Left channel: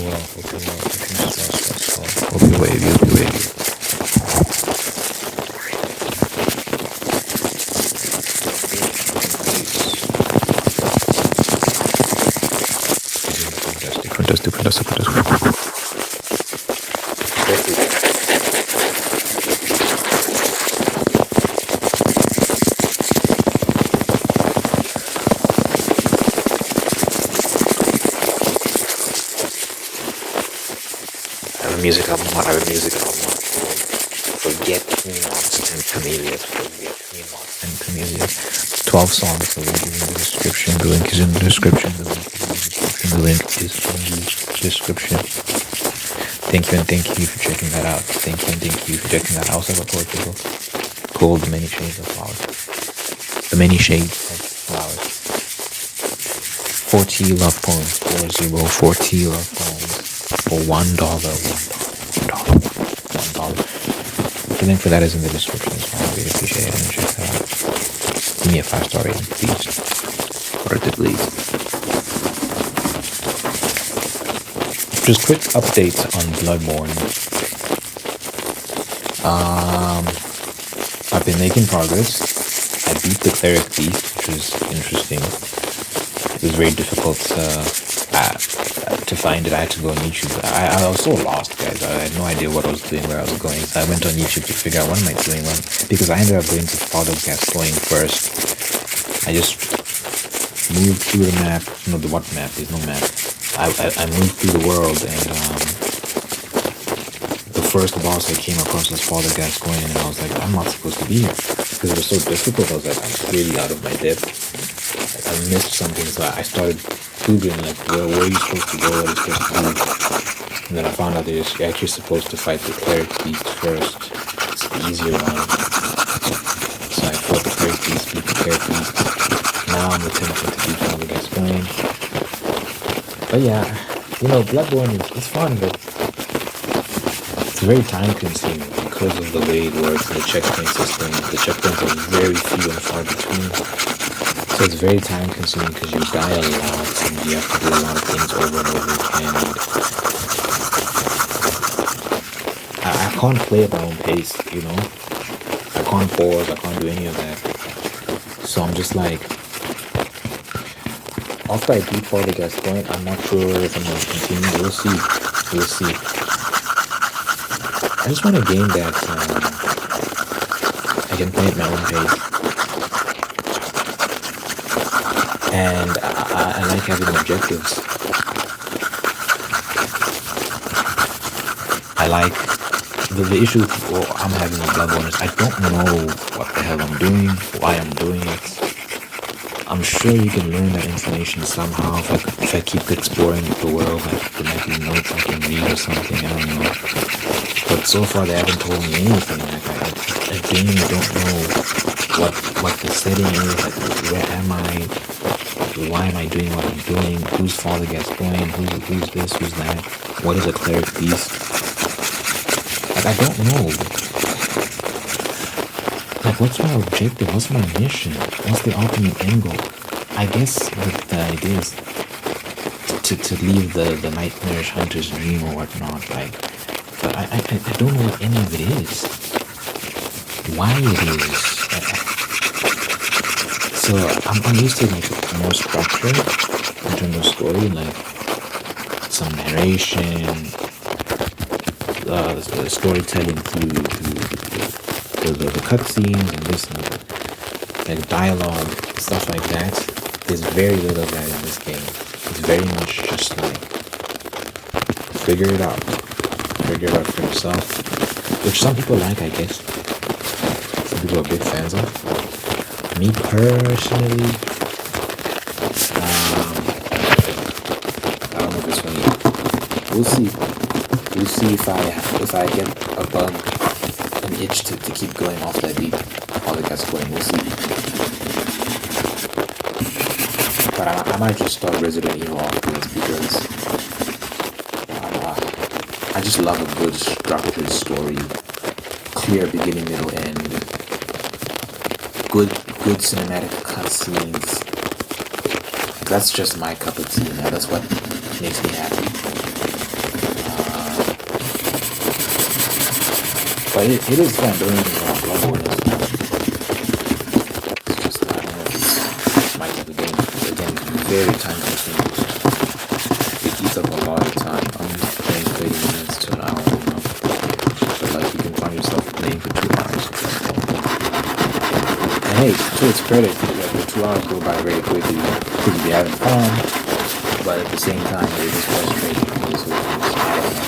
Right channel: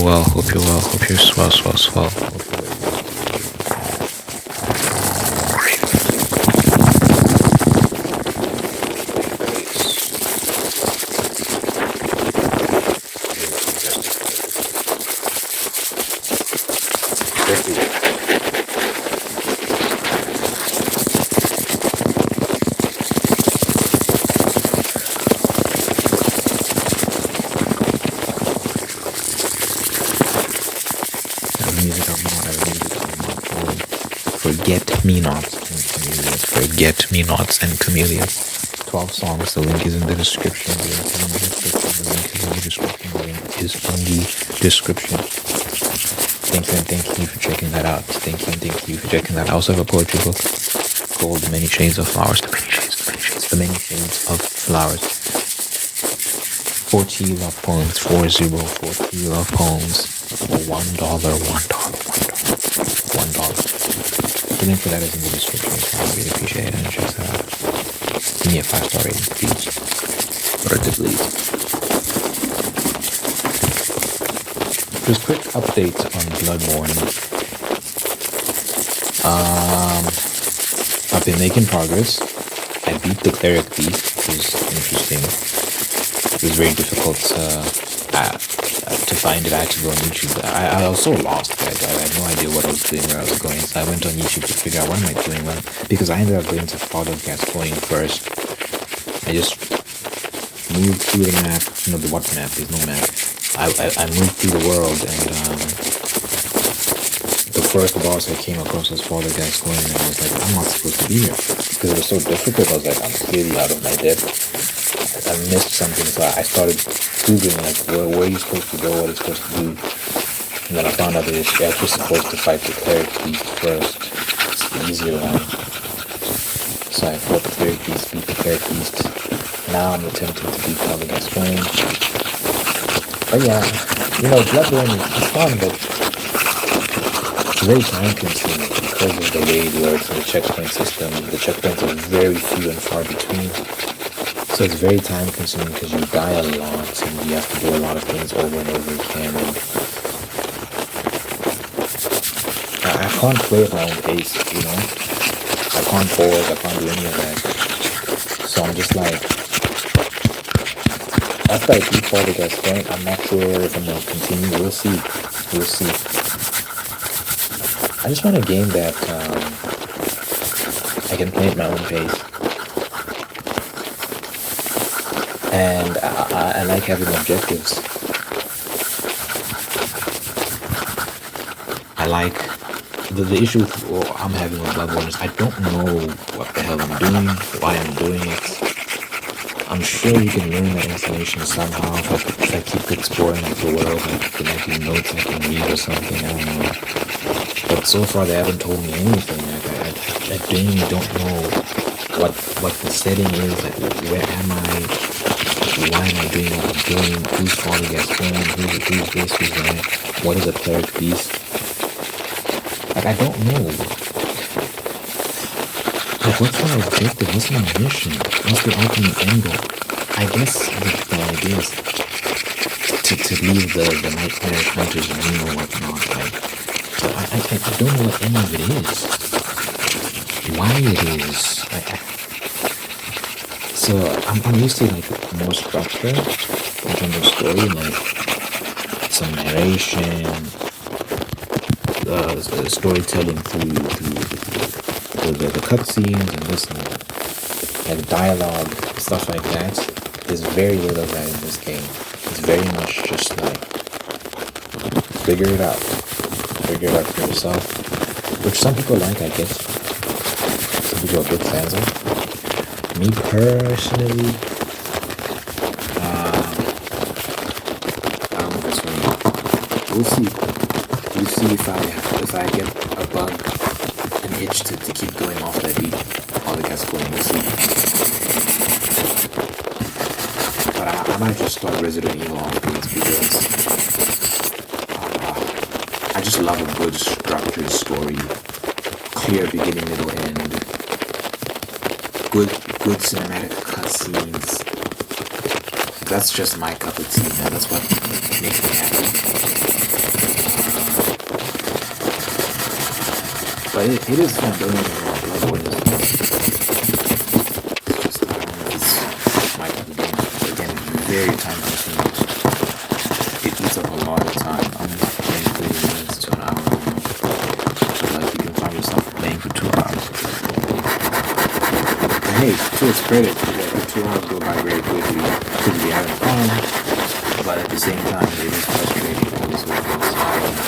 you're well. Hope you're well. Hope you're swell, swell, swell. Hope you're wavy, wavy, wavy. Music album, I have a music album for Forget-Me-Nots and Camellias. Forget-Me-Nots and Camellias. 12 songs. The link is in the description. The link is in the description. The link is in the description. The link is in the description. Thank you and thank you for checking that out. Thank you and thank you for checking that out. I also have a poetry book called Many Shades of Flowers. The Many Shades of Flowers. 40 love poems. 40 love poems. For $1. The link for that is in the description as well. I really appreciate it and check that out. Give me a 5-star rating, please. Worth it, please. Just quick updates on Bloodborne. I've been making progress. I beat the cleric beast, which was interesting. It was very difficult to find it. I had to go on YouTube. I was so lost, guys. I had no idea what I was doing, where I was going. So I went on YouTube to figure out what am I doing when, because I ended up going to Father Gascoigne first. I just moved through the map. No, the what map? There's no map. I moved through the world, and the first boss I came across was Father Gascoigne, and I was like, I'm not supposed to be here because it was so difficult. I was like, I'm clearly out of my depth. I missed something, so I started googling like where are you supposed to go, what are you supposed to do, and then I found out that you're actually supposed to fight the cleric beast first. It's the easier one. So I fought the cleric beast, beat the cleric beast. Now I'm attempting to beat Father Gascoigne. But yeah, Bloodborne is fun, but it's very time consuming because of the way it works and the checkpoint system. The checkpoints are very few and far between. So it's very time consuming because you die a lot and you have to do a lot of things over and over again. And I can't play at my own pace, I can't pause, I can't do any of that. So I'm just like, after I beat Father Gascoigne, I'm not sure if I'm going to continue. We'll see. I just want a game that I can play at my own pace. And I like having objectives. I like the issue I'm having with Bloodborne is I don't know what the hell I'm doing, why I'm doing it. I'm sure you can learn that information somehow if I keep exploring the world. Like there might be notes I can read or something. I don't know. But so far they haven't told me anything. Like I genuinely don't know what the setting is. Like where am I? Why am I doing what I'm doing? Who's Father Gascoigne? Who's this? Who's that? What is a cleric beast? Like I don't know. Like what's my objective? What's my mission? What's the ultimate end goal? I guess the idea is to leave the nightmare hunter's dream or whatnot. Like, so I don't know what any of it is. Why it is. So I'm used to like more structure in terms of story, like some narration, storytelling through the cutscenes and this and that, like dialogue, stuff like that. There's very little of that in this game. It's very much just like figure it out for yourself, which some people like, I guess. Some people are big fans of. Me personally, I don't know if it's for me. We'll see. We'll see if I get a bug, an itch to keep going off that beat. All the guys going. We'll see. But I might just start Resident Evil afterwards because I just love a good structured story, clear beginning, middle, end. Good cinematic cutscenes. That's just my cup of tea, man. That's what makes me happy. But it is fun, don't get me wrong. Bloodborne is fun. It's just, I don't know if it's my type of game. Again, very time consuming. It eats up a lot of time. I'm playing 30 minutes to an hour, you know. But like, you can find yourself playing for 2 hours. And hey, to its credit, like, the 2 hours go by very quickly because you'll be having fun. But at the same time, it is frustrating. It is what it is. I don't know.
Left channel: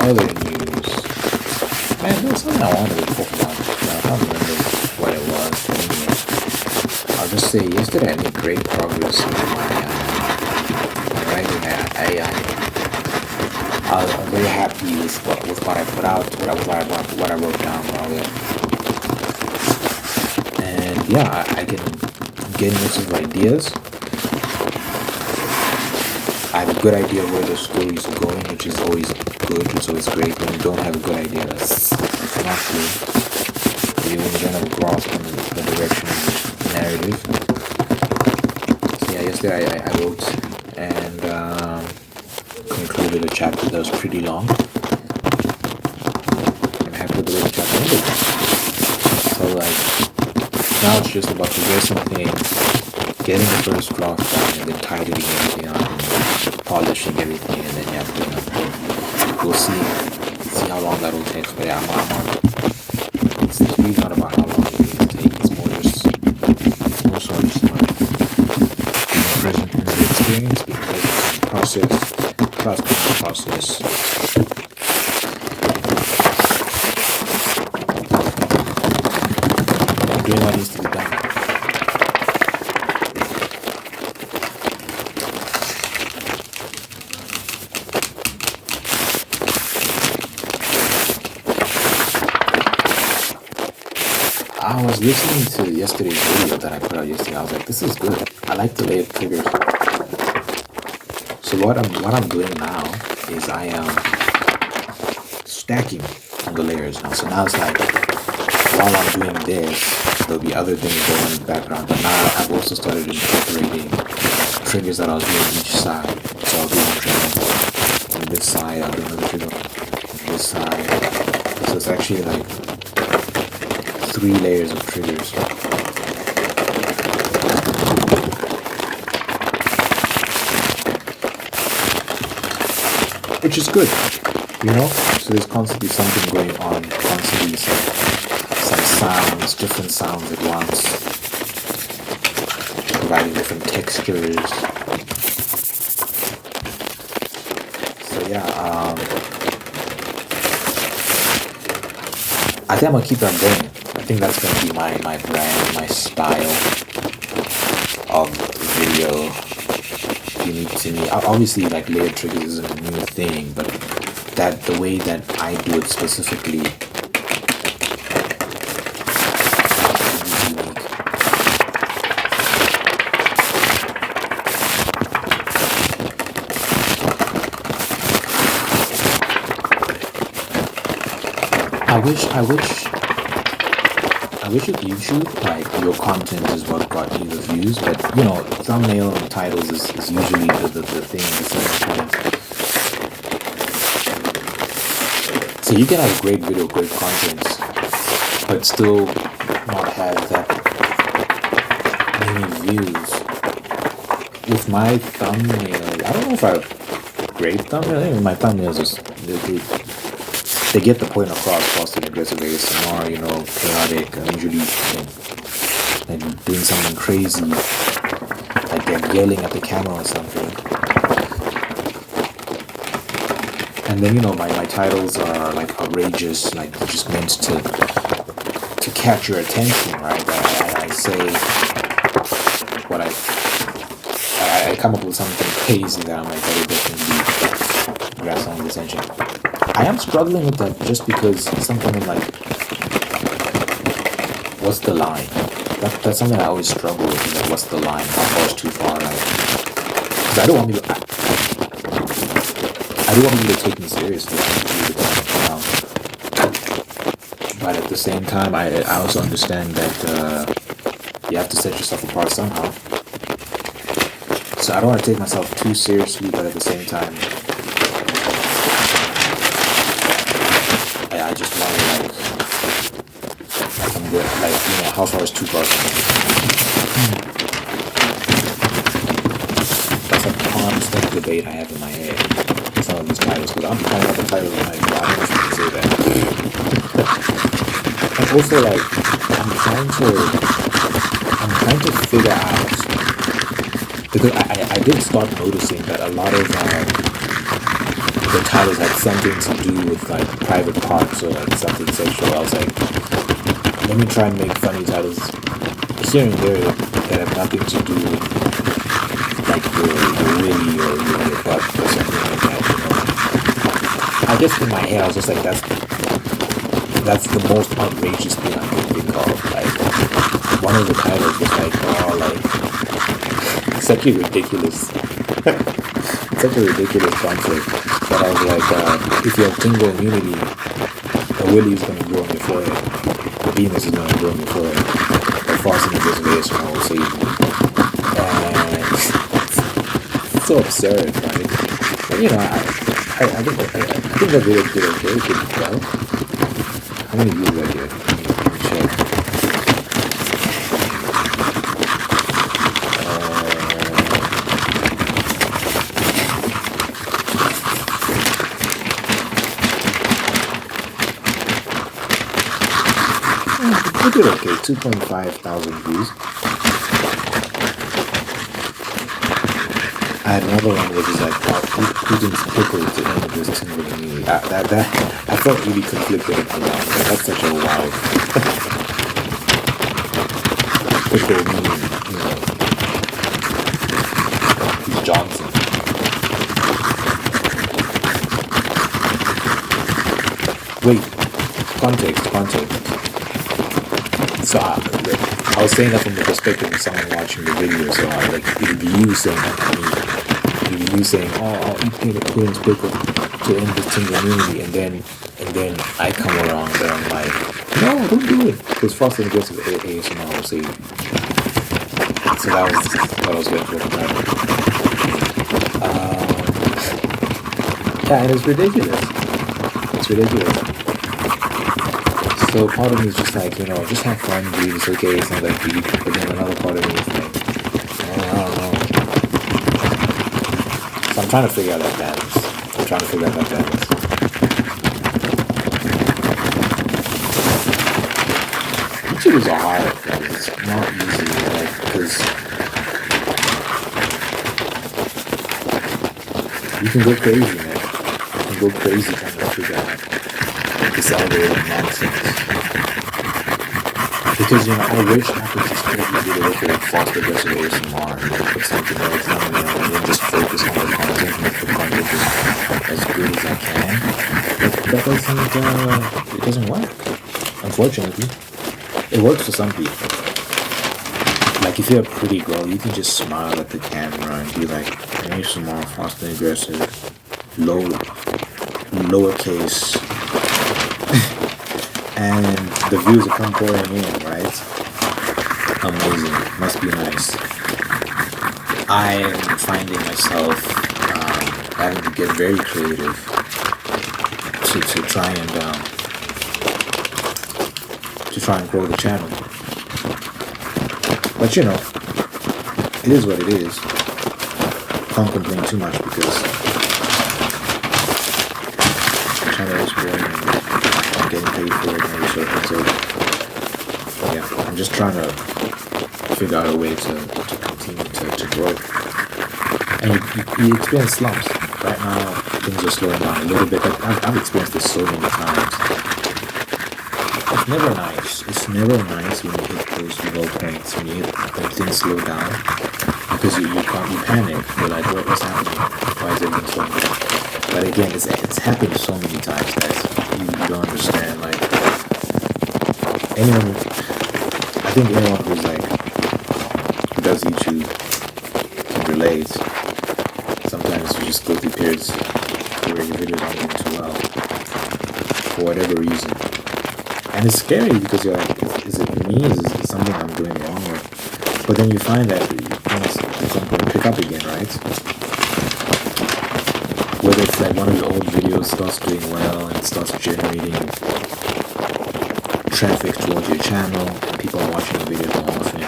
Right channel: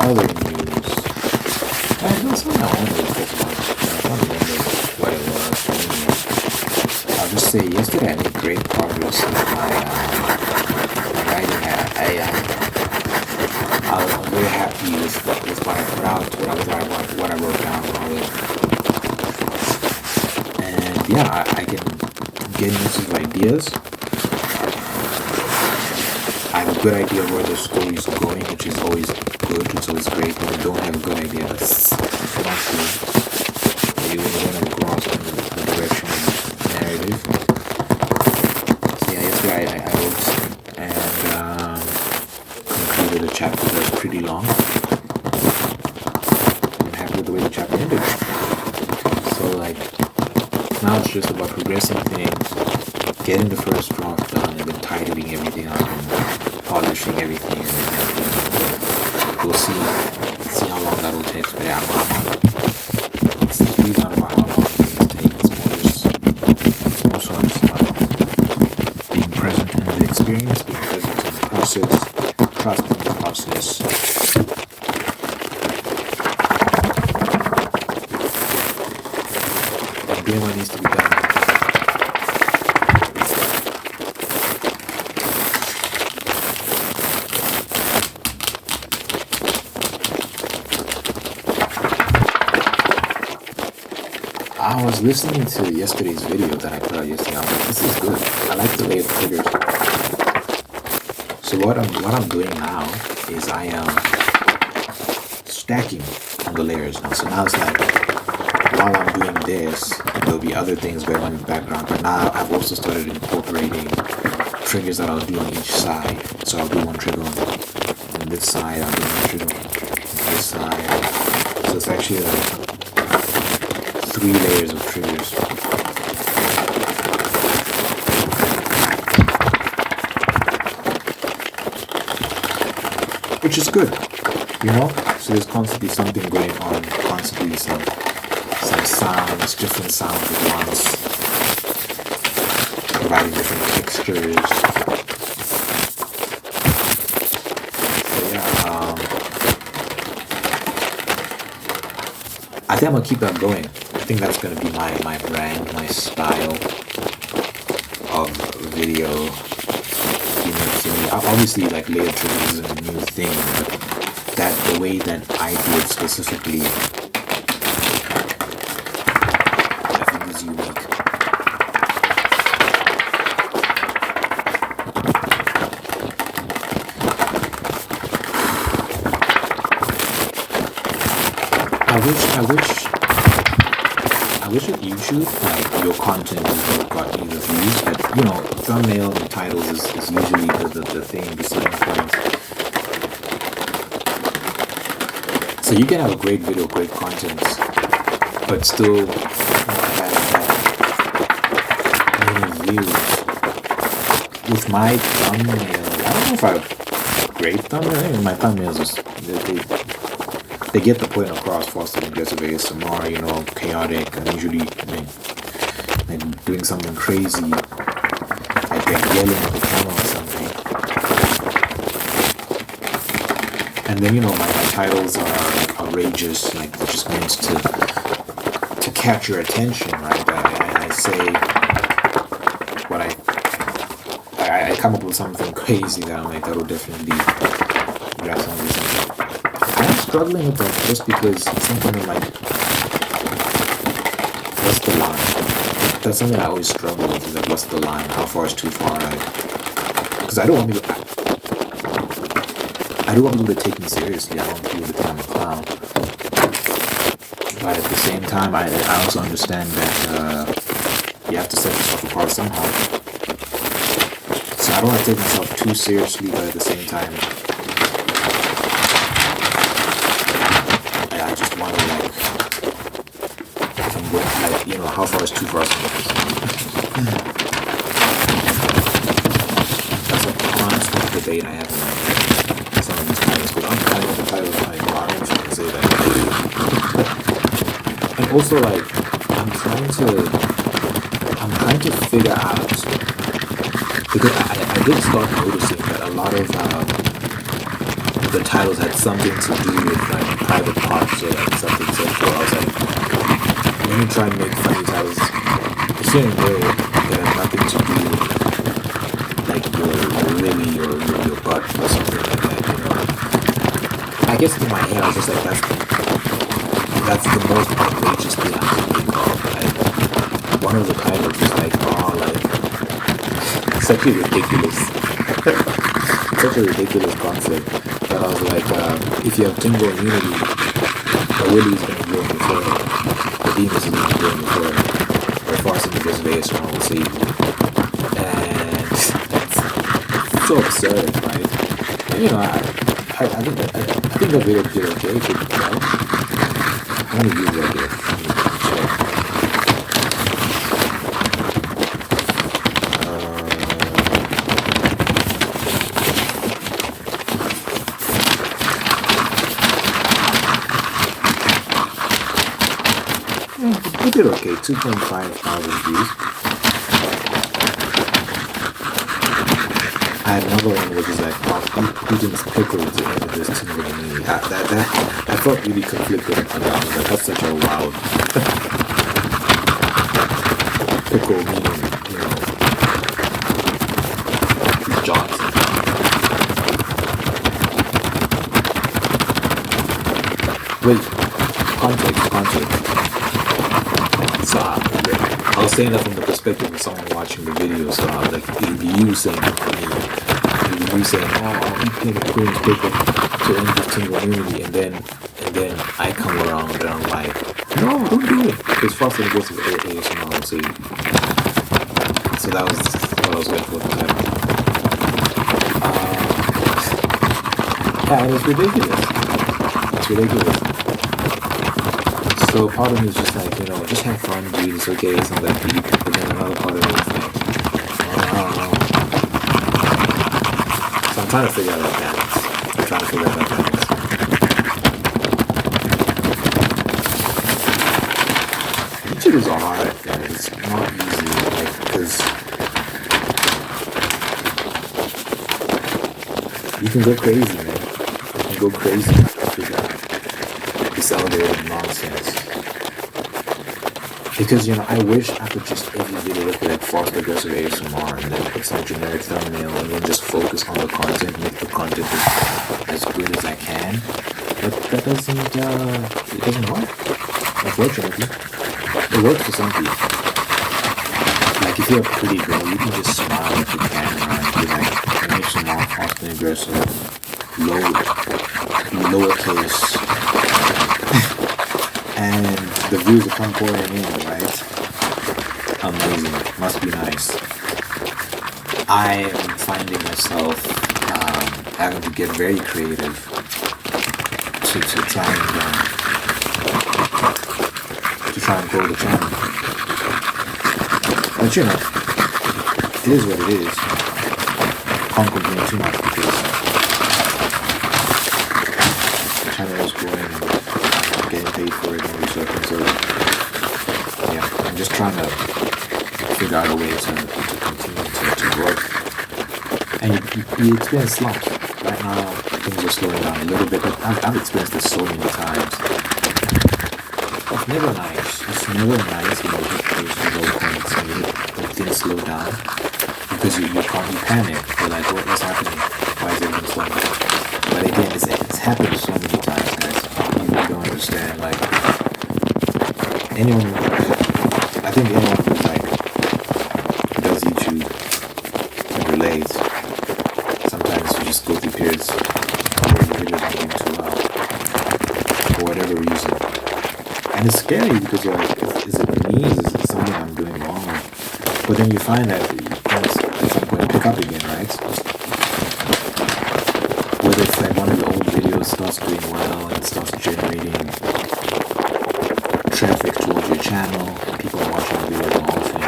Other news. Man, there was something I wanted to talk about, but I can't remember what it was. But anyway, I'll just say yesterday I made great progress with my writing. I was very happy with what I put out, what I wrote down, rather. And yeah, I can get lots of ideas. I have a good idea where the story is going, which is always good. It's always great when you don't have a good idea. That's not true. Maybe when you don't have a grasp on the direction of the narrative. So yeah, yesterday I wrote and concluded a chapter that was pretty long. I'm happy with the way the chapter ended. So like, now it's just about progressing things, getting the first draft down, and then tidying everything up and polishing everything, and then we'll see how long that'll take. But yeah, it's really not about how long it will take. It's more so just about being present in the experience, being present in the process, trusting the process. Doing what needs to be done. I was listening to yesterday's video that I put out yesterday. I was like, this is good. I like the layered triggers. So what I'm doing now is I am stacking on the layers now. So now it's like, while I'm doing this, there'll be other things going on in the background. But now I've also started incorporating triggers that I'll do on each side. So I'll do one trigger on this side, I'll do one trigger on this side. So it's actually like 3 layers of triggers. Which is good, you know? So there's constantly something going on, constantly some sounds, different sounds at once, providing different textures. So yeah, I think I'm gonna keep that going. I think that's gonna be my brand, my style of video. To me, obviously, like layered triggers isn't a new thing, but the way that I do it specifically is unique. I wish with YouTube, like, your content is what got you the views, but, you know, thumbnail and titles is usually the thing, the selling point. So you can have a great video, great content, but still not have that many views. With my thumbnail, I don't know if I have great thumbnail. I think my thumbnails they get the point across, fast and aggressive ASMR, you know, chaotic. I'm usually like doing something crazy, like they're yelling at the camera or something. And then, you know, my titles are like outrageous, like they're just meant to catch your attention, right? I say what I come up with something crazy that I'm like, that'll definitely grab someone's attention. I am struggling with that just because at some point I'm like, what's the line? That's something I always struggle with, is like, what's the line? How far is too far? Like, because I don't want people to take me seriously. I want people to kind of clown. But at the same time, I also understand that you have to set yourself apart somehow. So I don't want to take myself too seriously, but at the same time, I just want to how far is too far? That's a constant debate I have in my head. Some of these titles, but I'm kind of the titles in my body, I can say that. And also, like, I'm trying to figure out, because I did start noticing that a lot of the titles had something to do with like private parts or like something sexual. I was like, let me try and make funny titles here and there that have nothing to do with like your willy or your butt or something like that, you know. I guess in my head I was just like, that's the most outrageous thing I could think of. Like, one of the titles was like, oh, like, such a ridiculous concept. But I was like, if you have tingle immunity, the willy is going to go in your forehead, the penis is going to go in your forehead, or farting in this vase, and I will save you. And it's so absurd, right? But you know, I think that video did okay, it did well. How many views I get? Check. It did okay, 2.5 thousand views. I had another one which is like, Putin's pickle to end this tingle immunity. I felt really conflicted about that. I was like, that's such a wild pickle meaning, you know, Johnson. Wait, context. So I was saying that from the perspective of someone watching the video, so like it would be you saying that to me. It would be you saying, oh, I'll eat Putin's pickle to end this tingle immunity, and then I come around and I'm like, no, don't do it. Because fast and aggressive ASMR will say. So that was what I was going for the title. Yeah, and it's ridiculous. So part of me is just like, you know, just have fun, dude. It's okay. It's not that deep. But then another part of me is like, oh, I don't know. So I'm trying to figure out that balance. YouTubers are hard, man. It's not easy, like, because you can go crazy, man. You can go crazy trying to figure out this algorithm nonsense. Because, you know, I wish I could just every video look at like fast aggressive ASMR and then put something else down there and then just focus on the content, make the content as good as I can. But that it doesn't work. Unfortunately. It works for some people. Like if you're a pretty girl, you can just smile at the camera and be like, ASMR, fast and aggressive, lowercase. And the views will come pouring in, right? Amazing. Must be nice. I am finding myself having to get very creative to try and grow the channel. But you know, it is what it is. Can't complain too much because the channel is growing and I'm getting paid for it and every sort of thing. So yeah, I'm just trying to figure out a way to continue to grow. And you experience slumps. Right now things are slowing down a little bit, but I've experienced this so many times. It's never nice. It's never nice when you hit those low points, when you hit when things slow down, because you panic. You're like, what's happening? Why is everything slowing down? But again, it's happened so many times, guys. You don't understand. Like I think anyone who's like does YouTube can relate. Sometimes you just go through periods where your video don't get too loud for whatever reason. And it's scary because you're like, is it me? Is it something I'm doing wrong? But then you find that, you know, it's like going to pick up again, right? Whether it's like one of your old videos starts doing well and starts generating traffic towards your channel and people are watching the videos more often,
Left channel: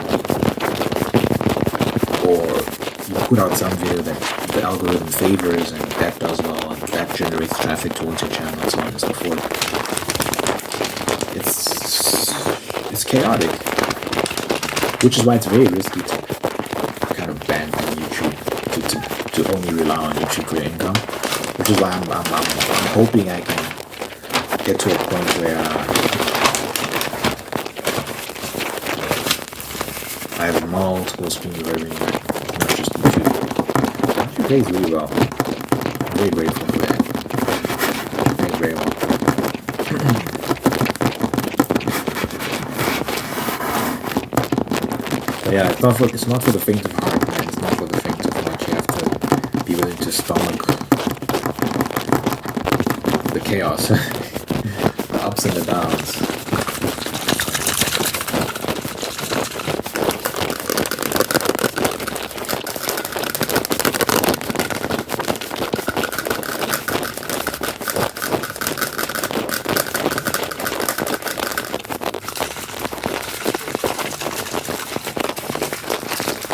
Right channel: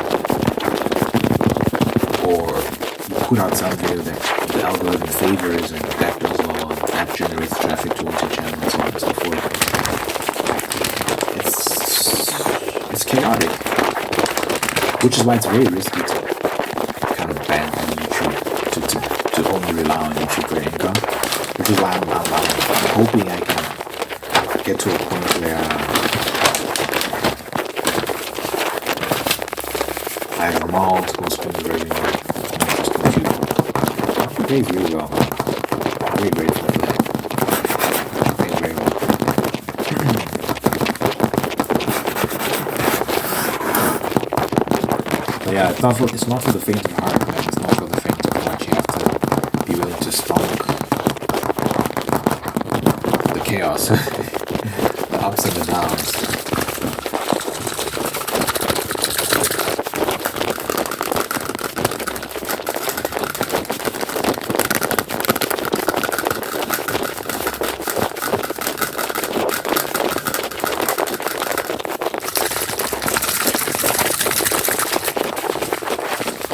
or you put out some video that the algorithm favors and that does well and that generates traffic towards your channel and so on and so forth. It's chaotic, which is why it's very risky to kind of ban from YouTube to only rely on YouTube for your income. Which is why I'm hoping I can get to a point where I have multiple streams of revenue, not just YouTube. YouTube pays really well. I'm very grateful for that. It pays very well. But yeah, it's not for the faint of heart, man. It's not for the faint of heart. You have to be willing to stomach the chaos, the ups and the downs.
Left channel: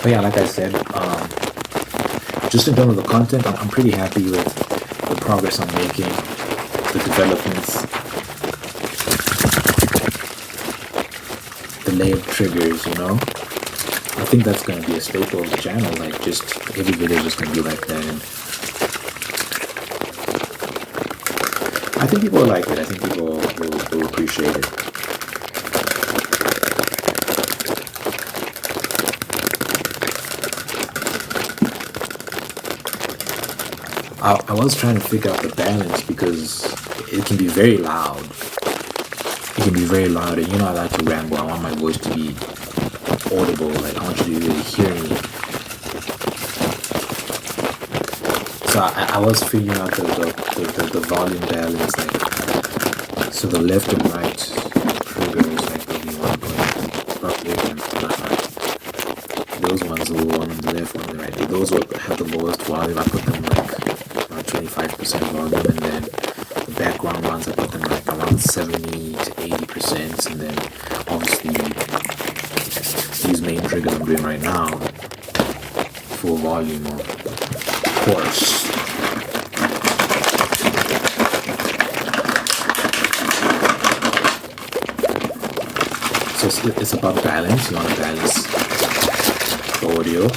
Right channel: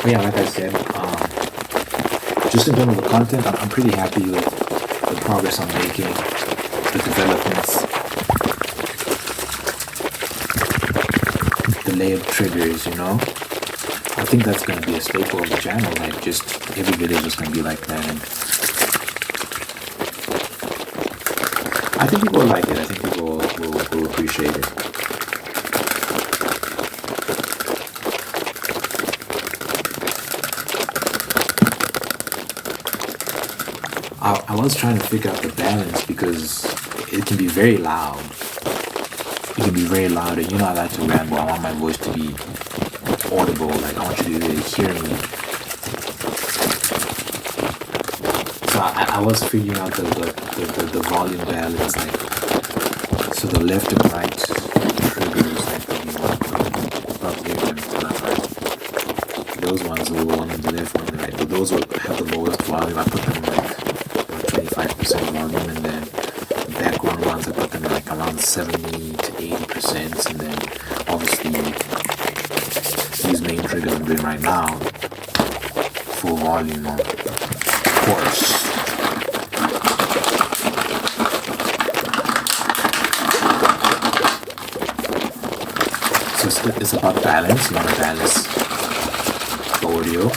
But yeah, like I said, just in terms of the content, I'm pretty happy with the progress I'm making, the developments, the layered triggers, you know. I think that's going to be a staple of the channel, like just every video is just going to be like that. And I think people will like it. I think people will appreciate it. I was trying to figure out the balance because it can be very loud. It can be very loud, and you know I like to ramble. I want my voice to be audible. Like I want you to really hear me. So I was figuring out the volume balance, like so the left and right triggers, like there'll be one about left and right. Those ones will one on the left, one on the right. But those will have the lowest volume. I put them like 25% volume, and then the background ones I put them like around 70 to 80%, and then obviously these main triggers I'm doing right now, full volume of course. So it's about balance. You want to balance the audio.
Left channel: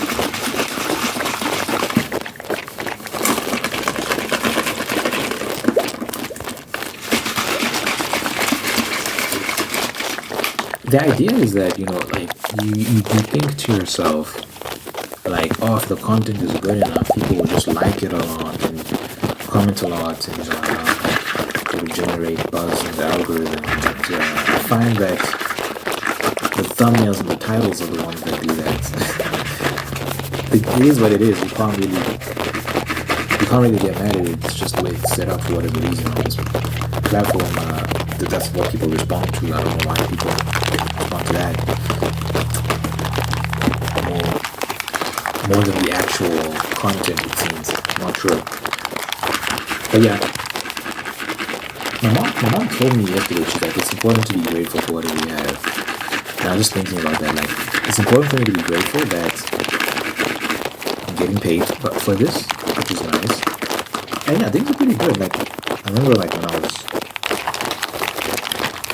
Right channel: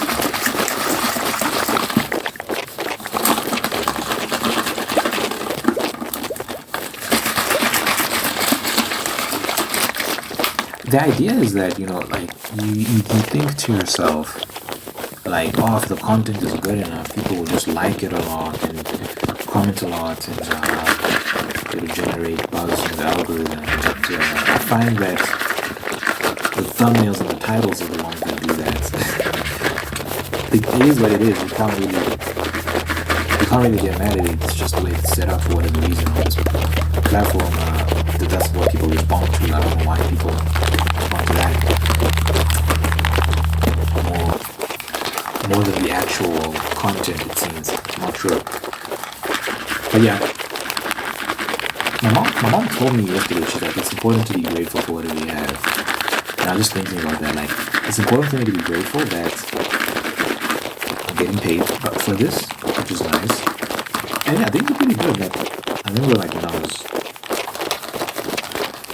The idea is that, you know, like you think to yourself, like, oh, if the content is good enough, people will just like it a lot and comment a lot, and it will generate buzz in the algorithm. But I find that the thumbnails and the titles are the ones that do that. It is what it is. You can't really get mad at it. It's just the way it's set up for whatever reason on this platform. That's what people respond to. I don't know why people respond to that more than the actual content, it seems. I'm not sure. But yeah, my mom told me yesterday, she's like, it's important to be grateful for whatever you have. And I was just thinking about that, like, it's important for me to be grateful that I'm getting paid for this, which is nice. And yeah, things are pretty good. Like, I remember like when I was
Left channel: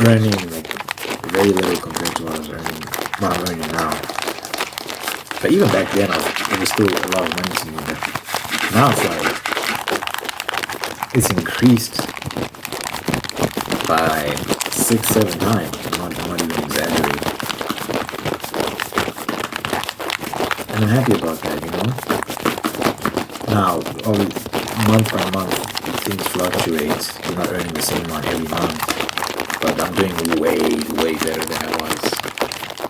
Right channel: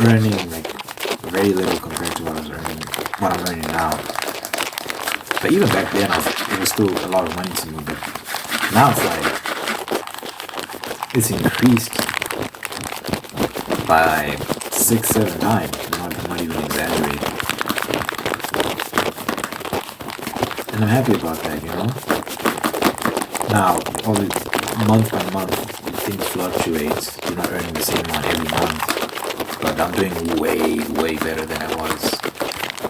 earning like very little compared to what I'm earning now. But even back then, it was still a lot of money to me. But now it's like it's increased by 6-7 times. I'm not even exaggerating. And I'm happy about that, you know. Now, always month by month, things fluctuate. You're not earning the same amount every month. But I'm doing way, way better than I was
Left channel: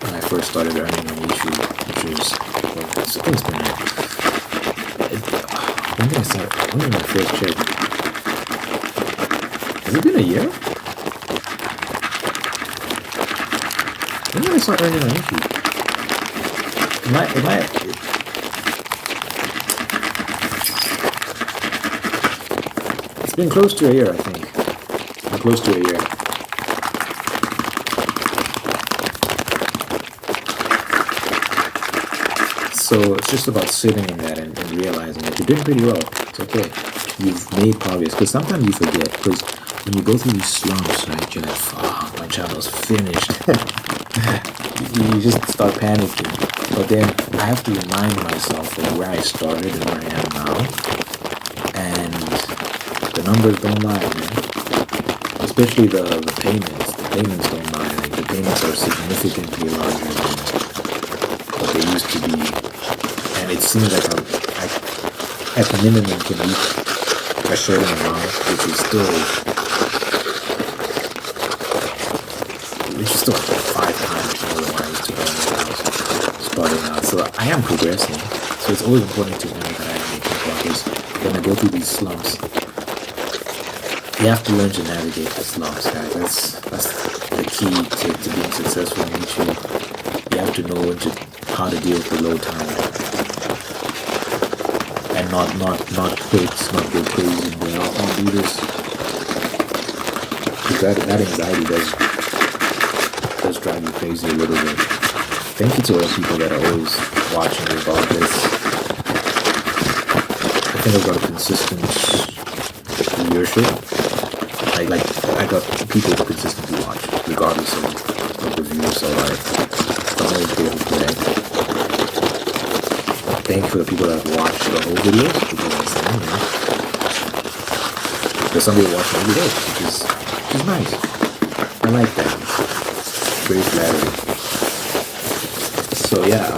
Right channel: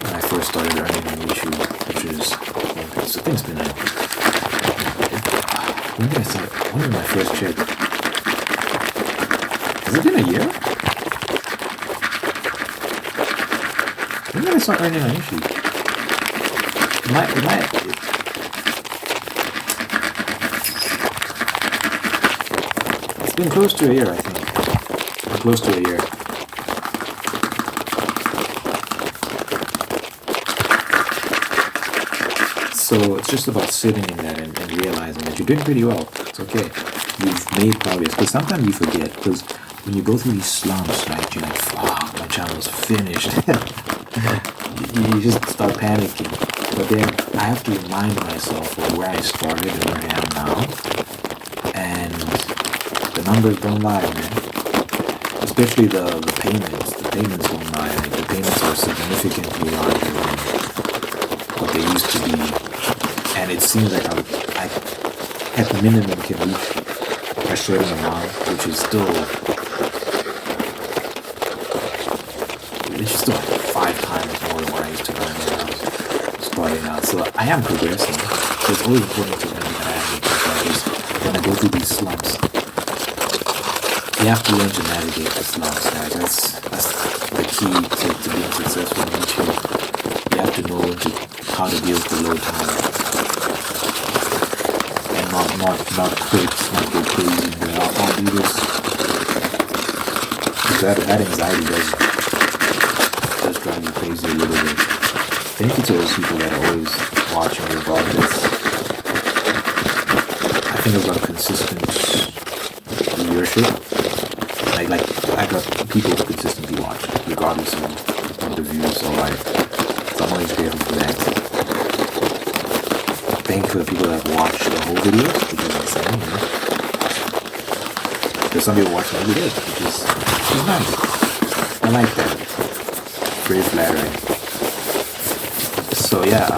when I first started earning on YouTube, which is, so I think it's been like, when did I start? When did my first check? Has it been a year? When did I start earning on YouTube? been close to a year, I think. Close to a year. So it's just about sitting in that and realizing that you're doing pretty well. It's okay. You've made progress. Because sometimes you forget. Because when you go through these slumps, right, you're like, fuck, my channel's finished. You just start panicking. But then I have to remind myself of where I started and where I am now. And the numbers don't lie, man. Especially the payments. The payments don't lie. Like, the payments are significantly larger than what they used to be. And it seems like I at minimum can reach a certain amount, which is still like 5 times more than what I used to earn when I was starting out. So I am progressing. So it's always important to remember that I am making progress. When I go through these slumps, you have to learn to navigate the slumps, guys. That's the key to being successful on YouTube. You have to know how to deal with the low time. And not quit, not go crazy and be like, I'll do this. Because that anxiety does drive you crazy a little bit. Thank you to those people that are always watching regardless. I think I've got a consistent viewership. Like I got people who consistently watch, regardless of the views. So I'm always grateful for that. Thank you for the people that watch the whole videos, because I say, there's some people watching every day, which is nice. I like that. Very flattering. So yeah,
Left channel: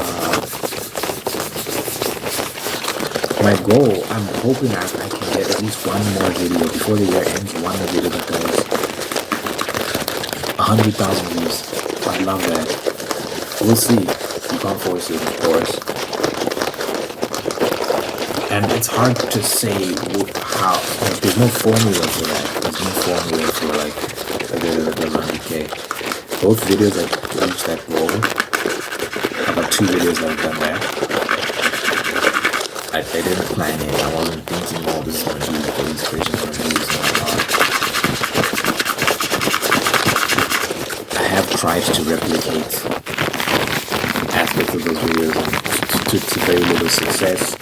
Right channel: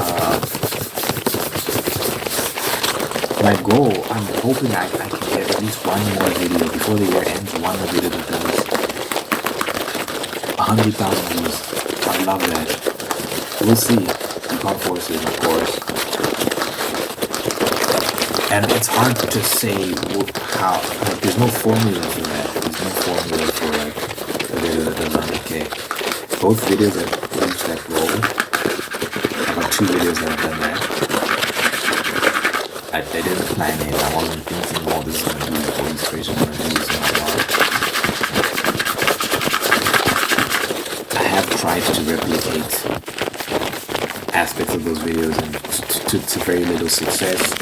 my goal, I'm hoping I can get at least one more video before the year ends, one more video that does 100,000 views. I love that. We'll see. You can't force it, of course. And it's hard to say how, like, there's no formula for that. There's no formula for like a video that does 100K. Both videos that reach that goal, about 2 videos that have done that, I didn't plan it. I wasn't thinking, oh, this is going to be like all these crazy views. I have tried to replicate aspects of those videos and to very little success.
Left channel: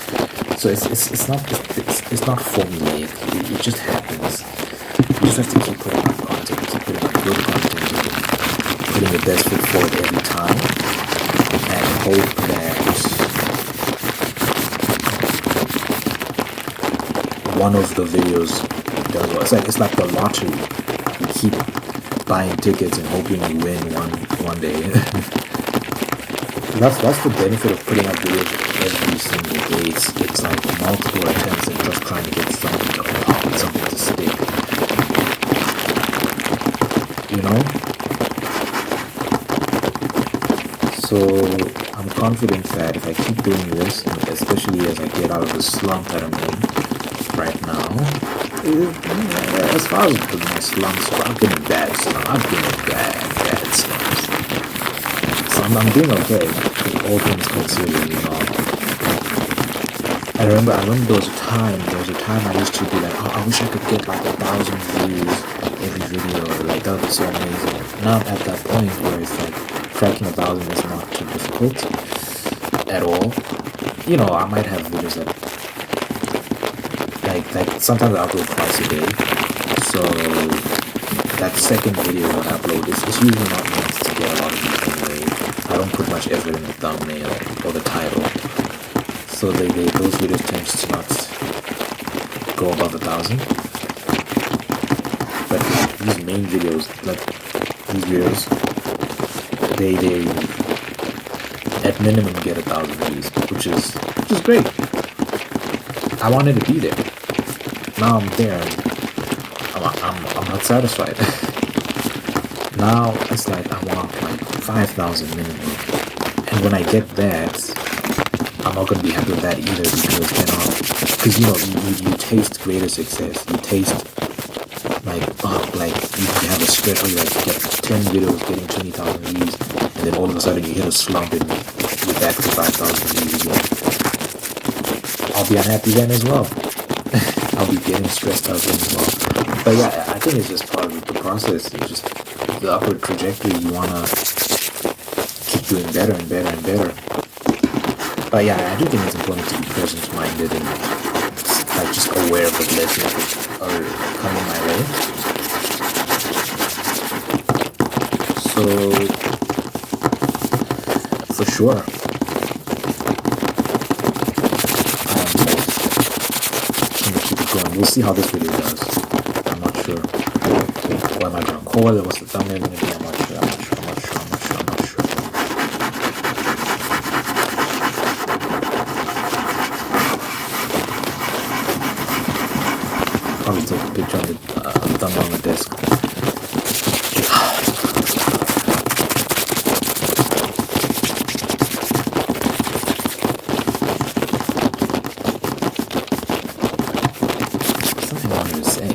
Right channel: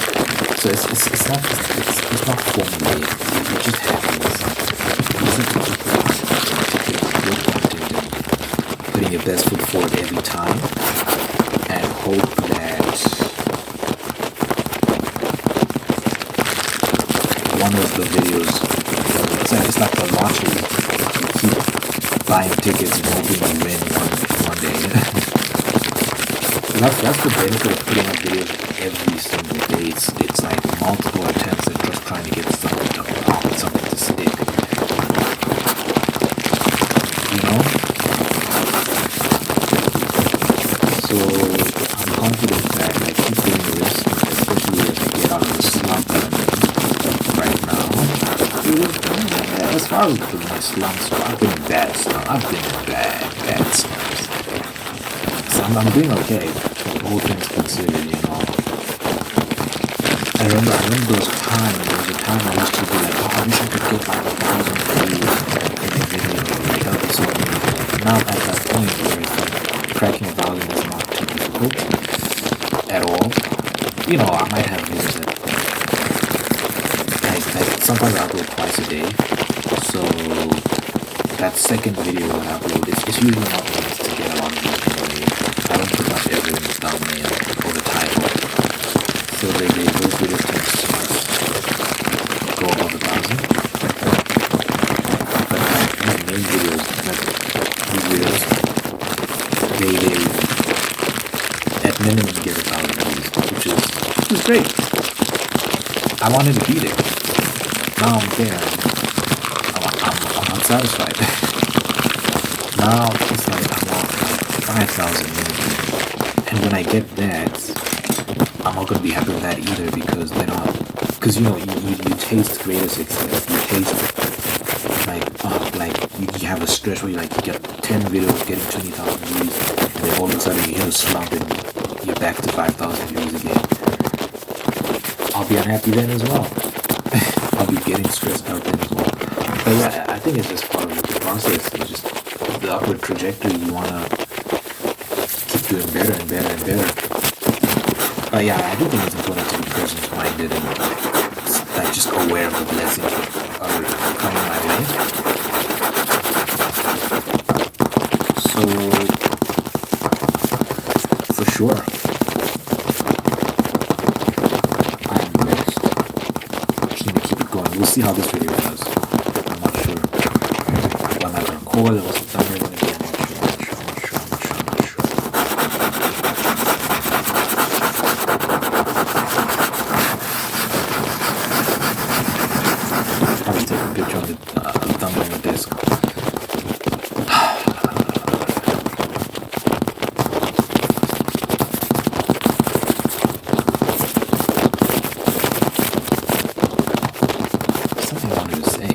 So it's not formulaic. It just happens. You just have to keep putting out content, keep putting out good content, and putting your best foot forward every time, and hope that one of the videos does well. So it's like the lottery. You keep buying tickets and hoping you win one day. That's the benefit of putting out videos every single day. It's like multiple attempts at just trying to get something to pop and something to stick. You know? So I'm confident that I keep doing this, especially as I get out of the slump that I'm in right now. As far as my slumps go, I've been in bad slumps. I've been in bad slumps. So I'm doing okay, all things considered, you know. I remember there was a time I used to be like, oh, I wish I could get like 1,000 views every video, like that would be so amazing. Now I'm at that point where it's like cracking 1,000 is not too difficult at all. You know, I might have videos that like sometimes I upload twice a day, so that second video that I upload it's usually not meant to get a lot of views anyway. I don't put much effort in the thumbnail or the title, so those videos tend to not go above 1,000. But like these main videos, like these videos, they at minimum get 1,000 views, which is great. I wanted to be there. Now I'm there. I'm not satisfied. Now it's like I want like 5,000 maybe. And when I get that, I'm not gonna be happy with that either, because you know you taste greater success. You taste like you have a stretch where you get 10 videos getting 20,000 views, and then all of a sudden you hit a slump and you're back to 5,000 views again. I'll be unhappy then as well. I'll be getting stressed out then as well. But yeah, I think it's just part of the process. It's just the upward trajectory. You wanna keep doing better and better and better. But yeah, I do think it's important to be present-minded and like just aware of the blessings which are coming my way. So for sure, I'm gonna keep it going. We'll see how this video does. I'm not sure. What am I gonna call it? What's the thumbnail gonna be? I'm not sure. Probably take a picture of the thumbnail on the desk. Something I wanted to say.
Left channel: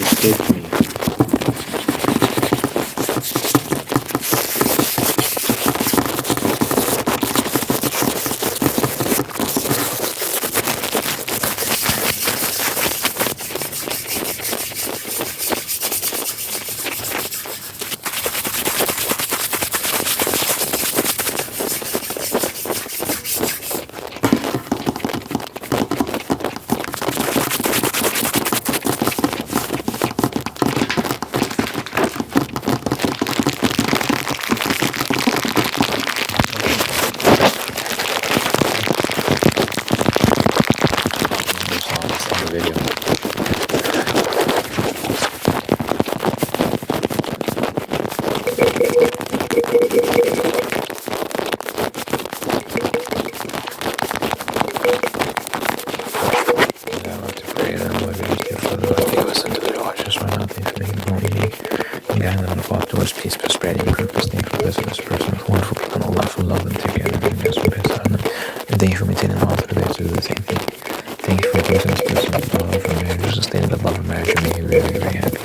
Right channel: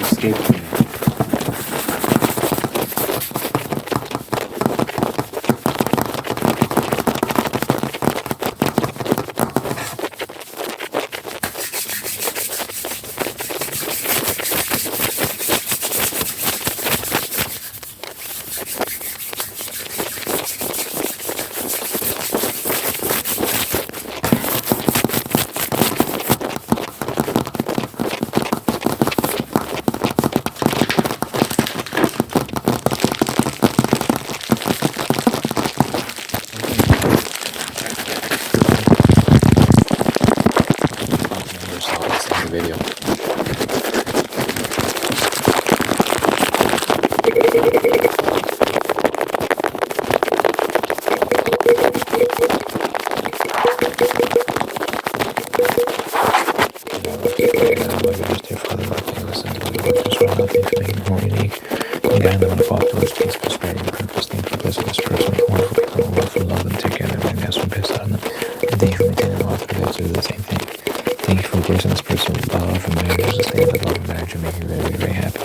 Escaped me. Video. Guide me on the path towards peace, prosperity, different things for blessing this person, wonderful people, and wonderful love and together, being best for best harmony. And thank you for maintaining all the way to do the same thing. Thank you for blessing this person with love and marriage, sustaining the love and marriage, and making me very, very happy.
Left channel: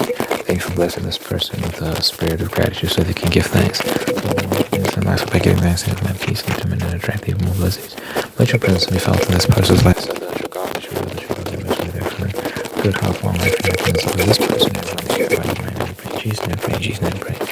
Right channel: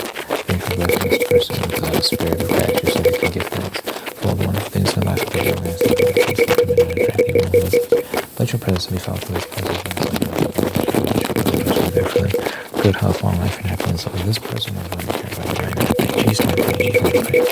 Thank you for blessing this person with a spirit of gratitude so they can give thanks. Love and love things and life by giving thanks and giving peace and coming and attracting more blessings. Let your presence be felt in this person's life so that good health, long life, and happiness of this person is going to care about. Jesus, my prayer, Jesus, my prayer.